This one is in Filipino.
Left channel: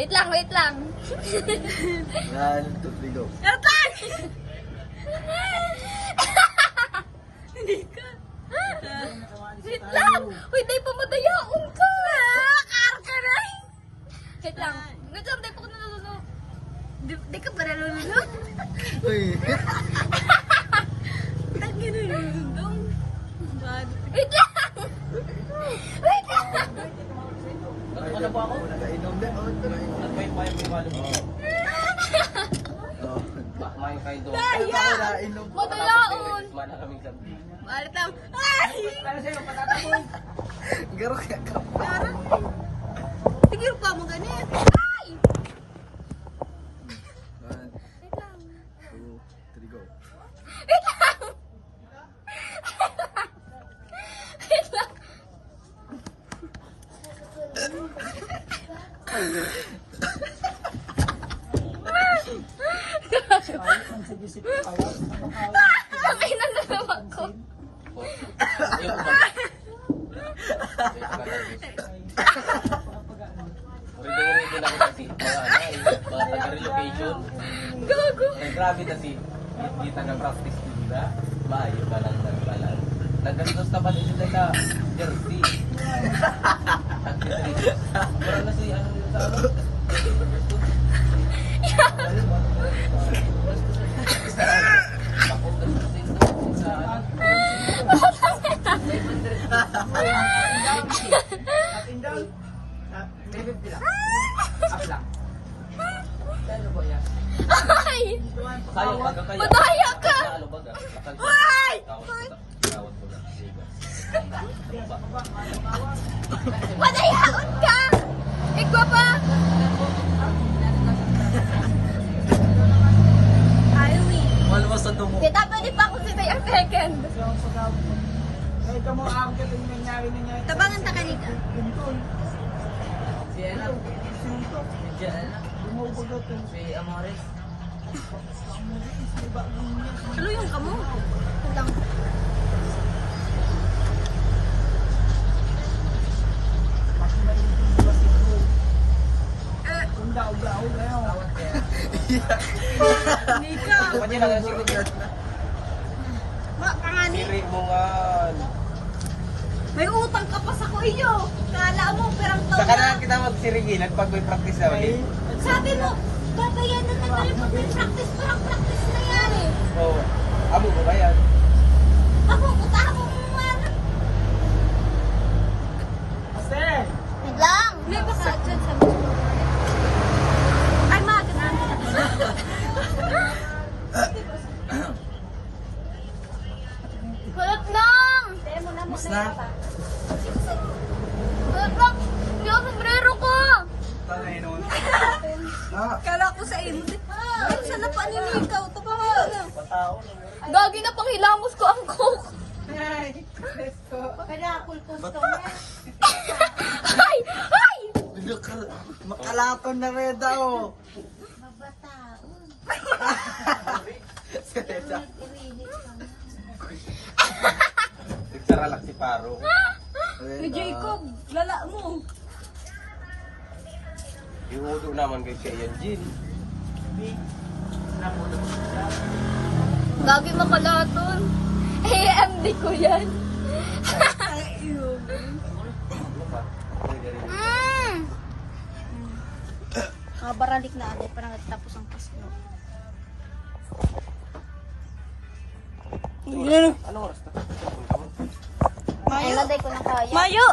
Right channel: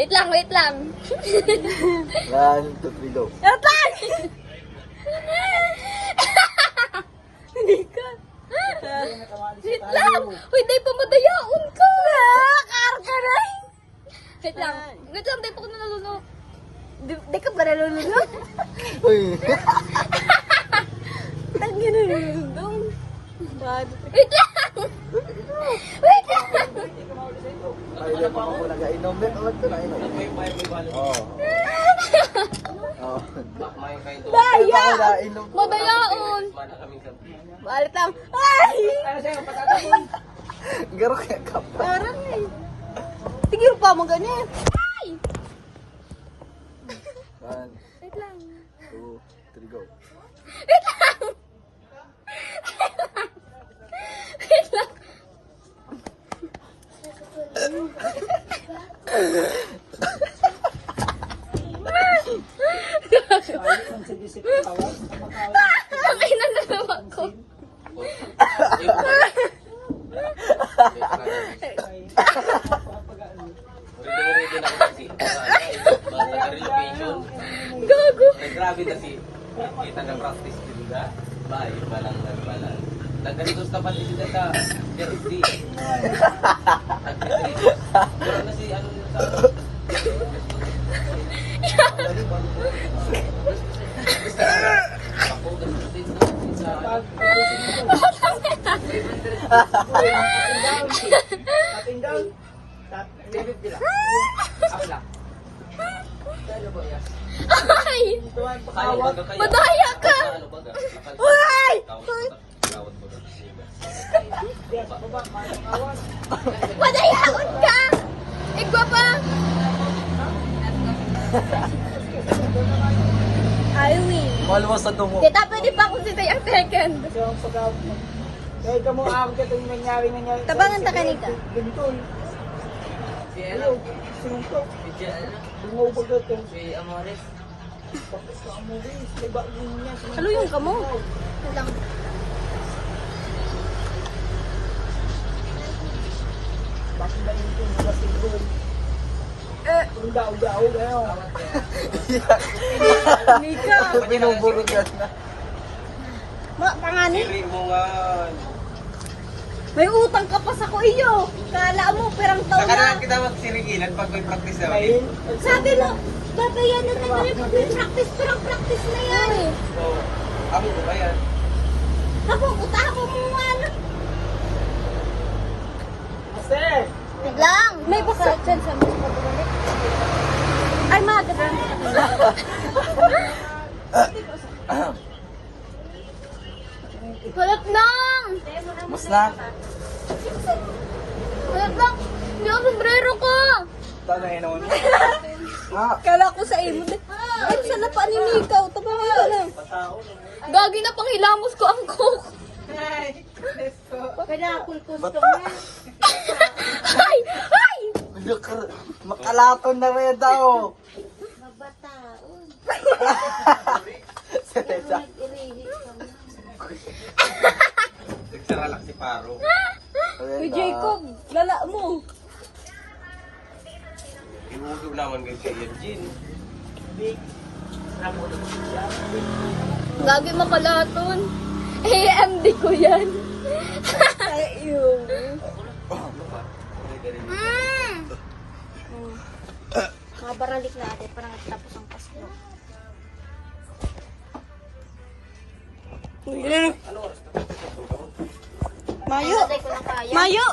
Wait lang, wait lang. One, two, three, go. Wait lang! Hindi ka. Wait lang! Wait, di pa madayaon ko! Karka na! Wait lang. Wait lang, di pa ko nalulunok. Di ka ba nalulunok? Uy. Tagi na nalulunok. Wait lang! Wait lang! Ano ba ako? Nag-ainom din. Ano ito? Nainom. Oo. Oo. Daya! Nainom. Madayaon! Balit lang. Ay! Garo kaya ka pa. Parang eh. Tigil pa mo ganyan. Ay! One, Wait lang. two, three, go. Wait lang! Wait lang! Sakay na nalawa ko. Ready lang kasi. Relocation. Gago. Grabe kasi. Kita na practice dito na. Maayo pa lang nagbalan. Nagkalitos na pati sila sa jersey. Pero na si ano. Ay! Madaya ka! Ay! Madayaon ka! Igwa pa! Ayaw eh. Mahal mo sa tungo. Kita pwede pa ako si Dayang second. Kahit mo ako ka itong nangyari. Tabangan ta kanika. Ganitun. Sinuntok. Lumubog ito. Si Amores. Amores. May bagong niya. Ano yung kamo? Walang. Bakit ba dito yung bating ko? Kung daw-daw kayo. Nika. Binubulog na. Pangani. Rimongan. May utang ka pa sa kuyo. Kala mo, perang taon Saka na. na kita magsirigilan pag may practice na Ay, rin. Sabi mo, batayan na tayo practice na yan. Oo. Amo ko ba yan? Ako, utahan mo mo ano. Ate! Wait lang. May baka dyan sa mga ay, magandang. Kulat lang. Mas na. Kulat lang. Hindi ako sombrero ko. Tala yun naman. Kala ko sa imo. Ay, sana pa ni Mikaw. Tabangan ka na. Gagi na pangilamos ko ang coke. Kaya akong gusto niya. Ay! Ay! Makalaton na rin daw. Mabataon. Nagsaralak si Paro. Si Jacob, lala mo. Iwudo naman guys kay Eugene. Gagi makalaton. AMD ko yan. Ayun. Mga baralik na ate, parang tapos ang Pasko. Mayo! Mayo!